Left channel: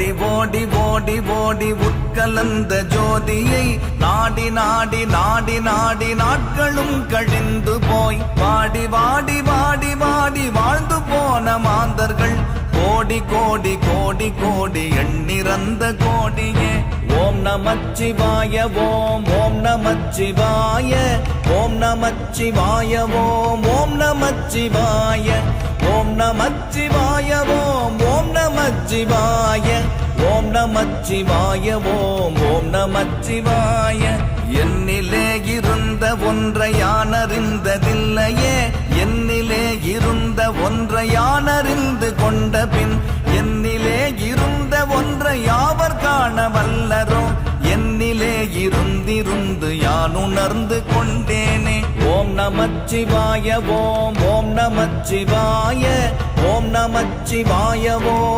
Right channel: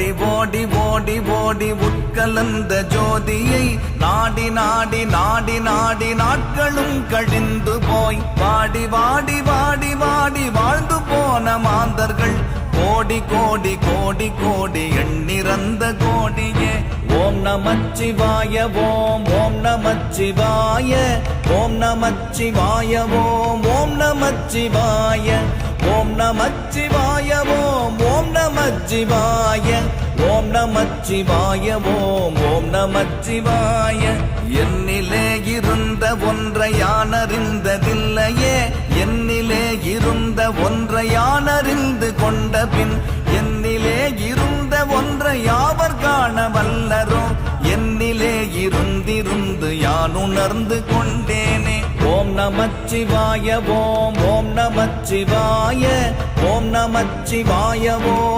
ஓடி ஓடி ஓடி ஓடி உட்கலந்த ஜோதியை நாடி நாடி நாடி நாடி நாட்களும் கழிந்து போய் வாடி வாடி வாடி வாடி வாழ்ந்து போன மாந்தர்கள் கோடி கோடி கோடி கோடி எண்ணிறந்த கோடியே. ஓம் நமச்சிவாய ஓம் ஓம் நமச்சிவாய ஓம் நமச்சிவாய ஓம் ஓம் நமச்சிவாய ஓம் நமச்சிவாய ஓம் ஓம் நமச்சிவாய ஓம் நமச்சிவாய ஓம் ஓம் நமச்சிவாய.